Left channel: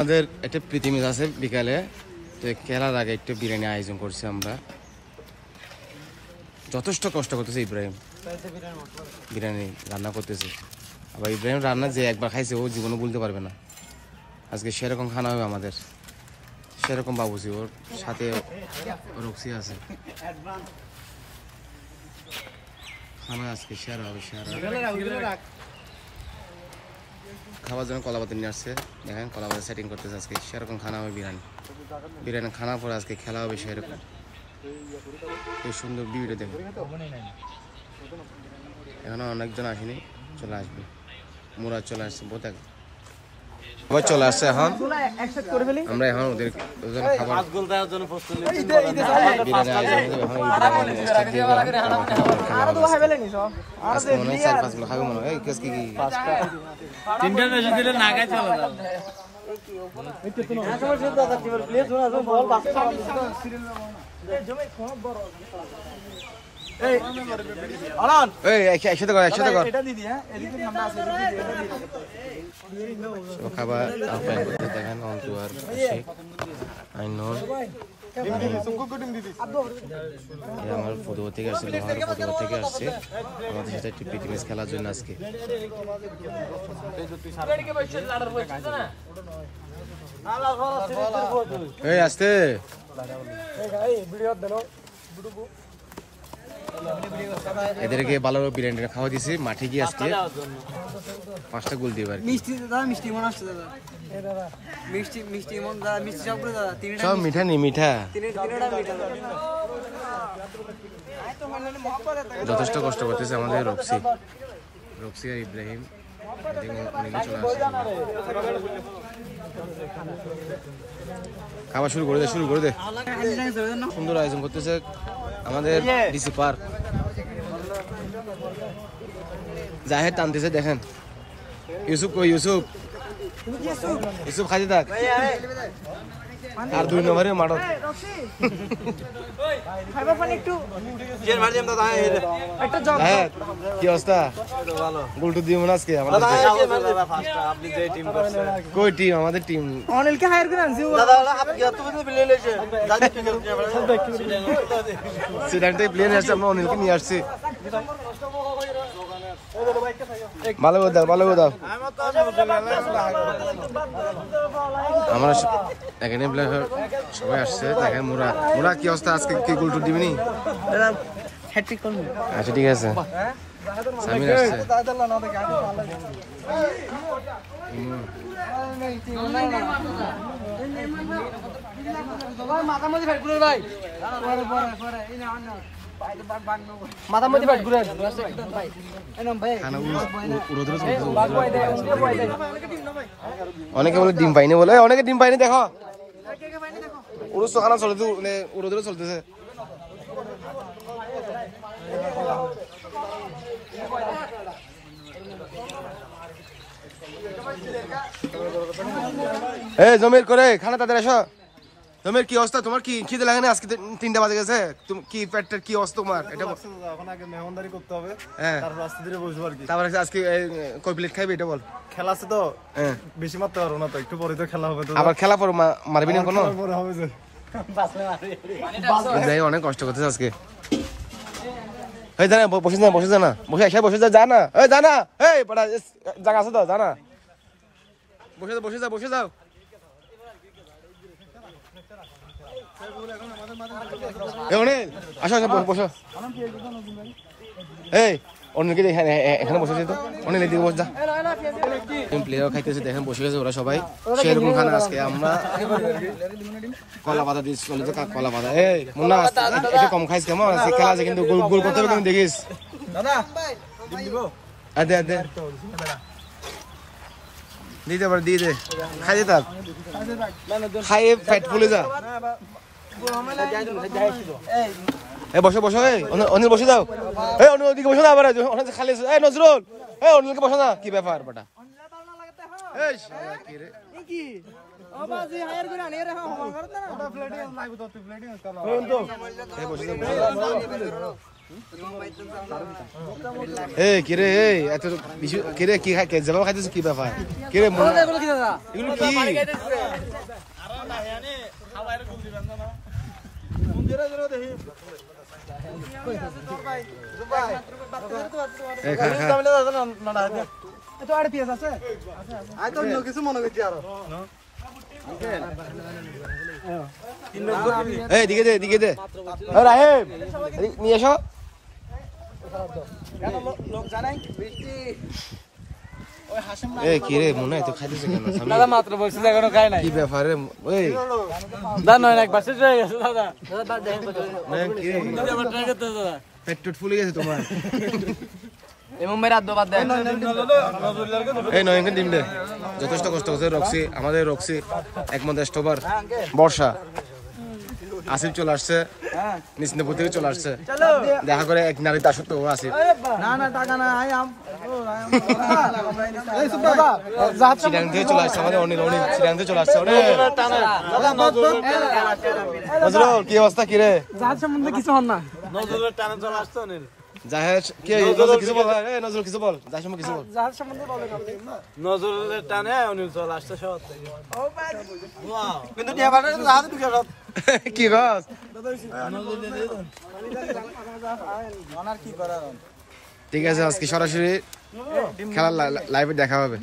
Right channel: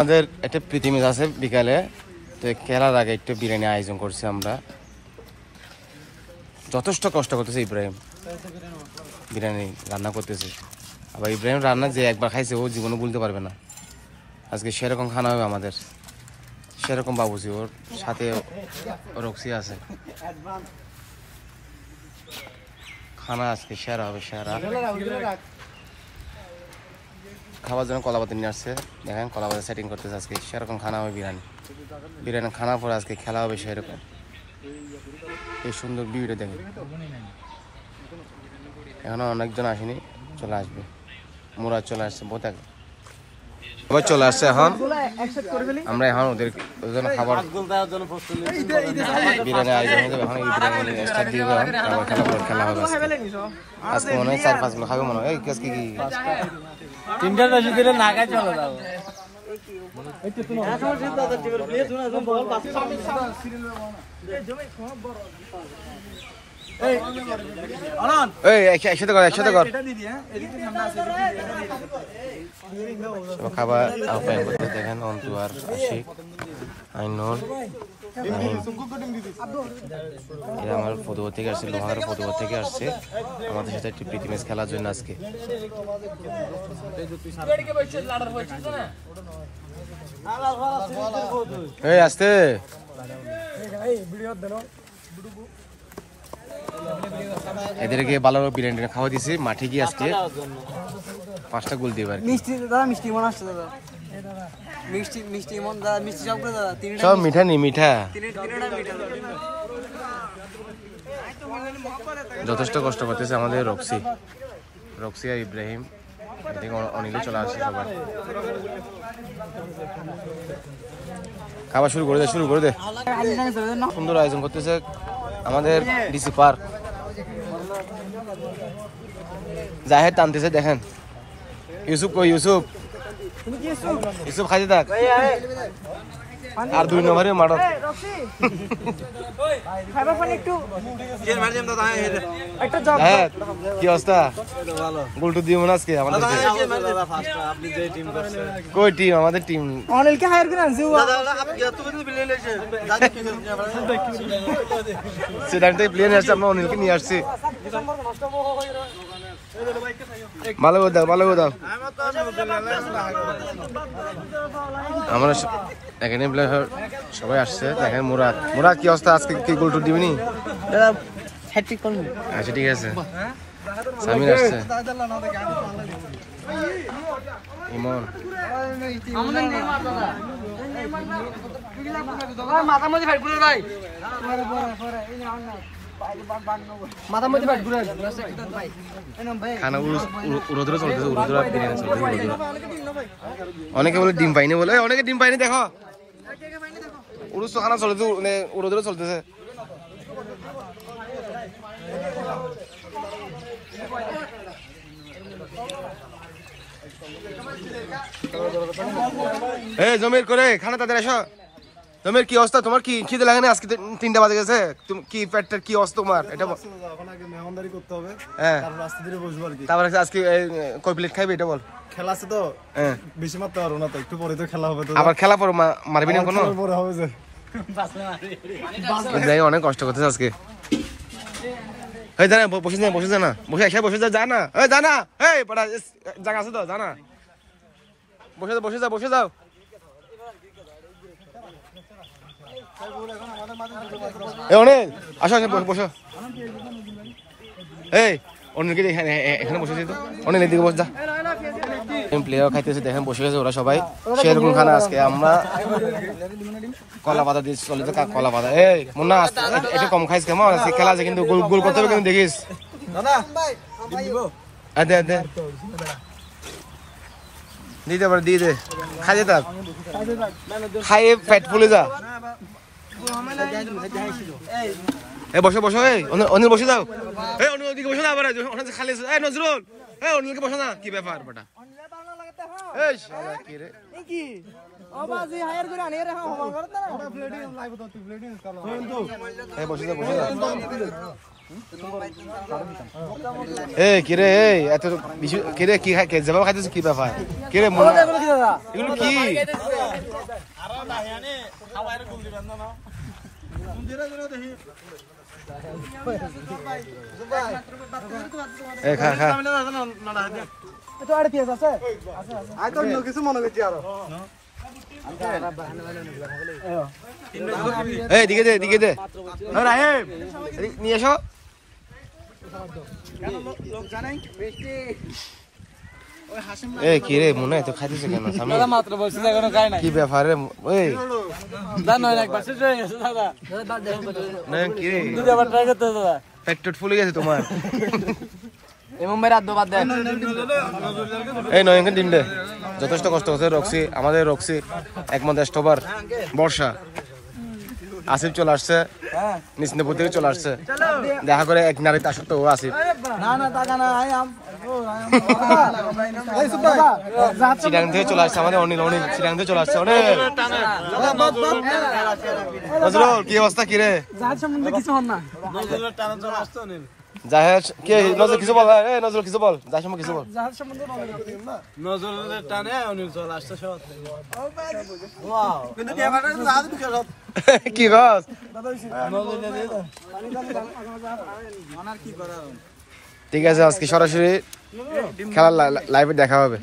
আমাদের একটা প্রীতি ম্যাচ আছে বিকালে, তো খেলার আগে একটু বিরিয়ানি আয়োজন করছি আমরা। যথেষ্ট কষ্ট করতেছে ইব্রাহিম, বিরিয়ানি রান্না করতেছে। আবার ইব্রাহিম রান্না যে একবার খাইছে ও জীবনে বলতে পারবে না। আজকে সেরকম খানা হবে আমাদের, সেরকম বাবুজি, ওর সাথে রক্সি আছে। খানা আজকে সেরা হবে, সেরা। খাবার জন্য কলাপাতি নিয়ে আসছে, দেখেন কলাপাতি সেটিং করতেছে। আজকে সেরকম খানা হবে বিরিয়ানি। বিরিয়ানি খানা পরে আজকে খেলা হবে সেরকম। এই সুন্দর ভিউটা দেখেন। এখনো অনেকজন আসেনি, চলে আসবে। মোরা চলে আসছে, বোধ সবাই চলে আসছে। এখন আমরা এখন ওদের জন্য খাবার বিরিয়ানি আয়োজন হয়ে যাবে। এখন বিরিয়ানি স্টার্ট দিয়ে দেবে, এখন খেলা হবে আজকে। আজকে মনে হয় 4-5 গুলো খাবে মনে হয়। আজকে কি 3টা বেশি দিলে না খাই চলে যাবে। একসাথে কর, একসাথে কর। খাবার আপ্যায়ন করতে দেখেন অন্তু আর আশিক, আইনুর, এরা আমার ফতুয়া থেকে আসছে, লোহার ফতুয়া থেকে আসছে আমাদের সাথে একটি প্রীতি ম্যাচ খেলার জন্য আজকে। এই আসতে এদেরকে ভালো বিরিয়ানি খাওয়া দিয়েছি মাঠে গিয়ে। আজকে 5টা গোল দিয়ে সব মিঠা নেই, মিঠা যথেষ্ট কষ্ট করতেছে আমাদের রক্সি আর ইব্রাহিম। এদিকে অনেকে চলে আসছে, সবাই খাবার শুরু করে দে। সুন্দর আয়োজন করতেছে আমাদের ডিসি পার্ক। জাহেদ টানতেছে দেখেন। ইউসুফ কই? ইউসুফ খাইতে থাক। আর 2 নম্বরে মারত। জাহেদ কি অবস্থা? গোলটু দিয়ে মনে আজকে আমাদেরকে। কই টিম? আমাদের টিম সেটা প্লেয়ার আসছে, আমরা অনিলকে নিয়ে আসছি। ভালো করে দাও। আমরা এখানে সবাই আসছে দেখেন। মুরাদ কি অবস্থা? আজকে কি গোল টুট দিবনি? আচ্ছা ঠিক আছে। সামির আসছে, ইমন, অনেকে বলে ডিম পাইনি, বলে অনেকে ডিম পাইনি। দেখো উড়ুস খানা চলতে, উড়োদুরো চলতেছে। এই জমির করে খানা তাদের এসো। জমির কি অবস্থা? তোমার কি খিদে লাগে না? আজকে 3টা বাজে গেছে। তুমি কি পেটটার কি অবস্থা তোমার? এটা মেহমানদারি করতে হবে, তারপর আস্তে ধীরে বসবো আর কি। তারপর আজকে কয় প্লেট খাইবে এটা বল। খেলা আছে তো, বেশি মারতে পারবো না তো, একটু পরে তো খেলা হবে। তো আবার খেলা পর মারবি না কোনো? যাই, অনেক কষ্ট করতেছে আজকে। এই জানা বসে যা, বসে যা না। এই জানা, এই বড় জায়গা আছে তো, জানা বসে যাও। অনেক আসো বসো। এই অনেকে এখানে বসেছে তো, অনেক এদিকে বস যা। প্লেয়ার খাইতেছে দেখেন, বসে গেছে ওরা সবাই। সেরকম খানা আজকে আমরা কলা পাতা দিয়েছি, চলে তো কলা পাতা। এই মুন্না একটু কম খাইস কেমন? আজকে খেলা আছে কিন্তু, গোল করতে হবে কিন্তু, দেখিস। দিতে পারে, দিয়ে দে, খাইতে থাক, খাইয়ে পেট ফুলে যা। বসো, অনিল বসে যাও। অনিল ওদিকে বসে যাও, আবার খালি। নজরুল, অনিলকে বসো না। কি ব্যাপার বেটা? এই শালা কি রে কি ও বাজি হায়ার করে আনি রে ওটা প্লেটিং লাইভ তো প্লেটিং করো এই বসে এই কি রে এই এত বিশু কি রে কি খাই জামা খাইতেছ কি ব্যাপার কি রে মুন্না এগুলো কি আরে না জানি খাওয়ার গুল দিবেন না এই খা খা তো আড়ে পিস আছে আই তো কিছু মনে করছি আর এই দিকে দে ও রাহেব নিয়ে এসো এই কি রে মুন্না এত খাইতেছে কেন সামনে দাদা মাত্র বলছি এখনো খাই নাই কি ব্যাপার রে ওই দাদা নয় একবার শেষ হয়ে গেছে দাদা না কি রে আবার ট্রাই করতে দাদা পেট টুট ফুলে গেছে তোমার এই মুম্বাই রাত বাদ দেন এই নয়ন টিম দে যথেষ্ট কষ্ট হচ্ছে রক্সি আমাদের রক্সি একমাত্র স্টপার বর্ষা আসিফ চলে আসছে নিশ্চিন্তপুর থেকে চলে আসছে দেখা করে এক নারী তার সত্ত্বেও আসিফ না না টাকা না আই আম এই সুবাবা জাহাজ চিরাং থেকে চলে আসছে আমাদের অনিল চিরাং থেকে চলে আসছে অনিল নজরুল কি অবস্থা কি রে জাহাজ সম্বন্ধে কিছু হন না নজরুলের টানে চলে আসতো নীল জাহেজ কে নজরুল কিছু বল এই নজরুল কিছু বল জাহেজ সম্পর্কে কিছু বল জাহাজ সম্বন্ধে বলেন আপনি না নজরুলের টানে অনিল চলে আসতো শহর থেকে ওয়াও কিন্তু টিয়াবাটা জাহাজ ঢুকে সব কি গস নজরুলের দিয়ে দাও ঠিক আছে আজকে সরাসরি খেলার লাইভে দেখা হবে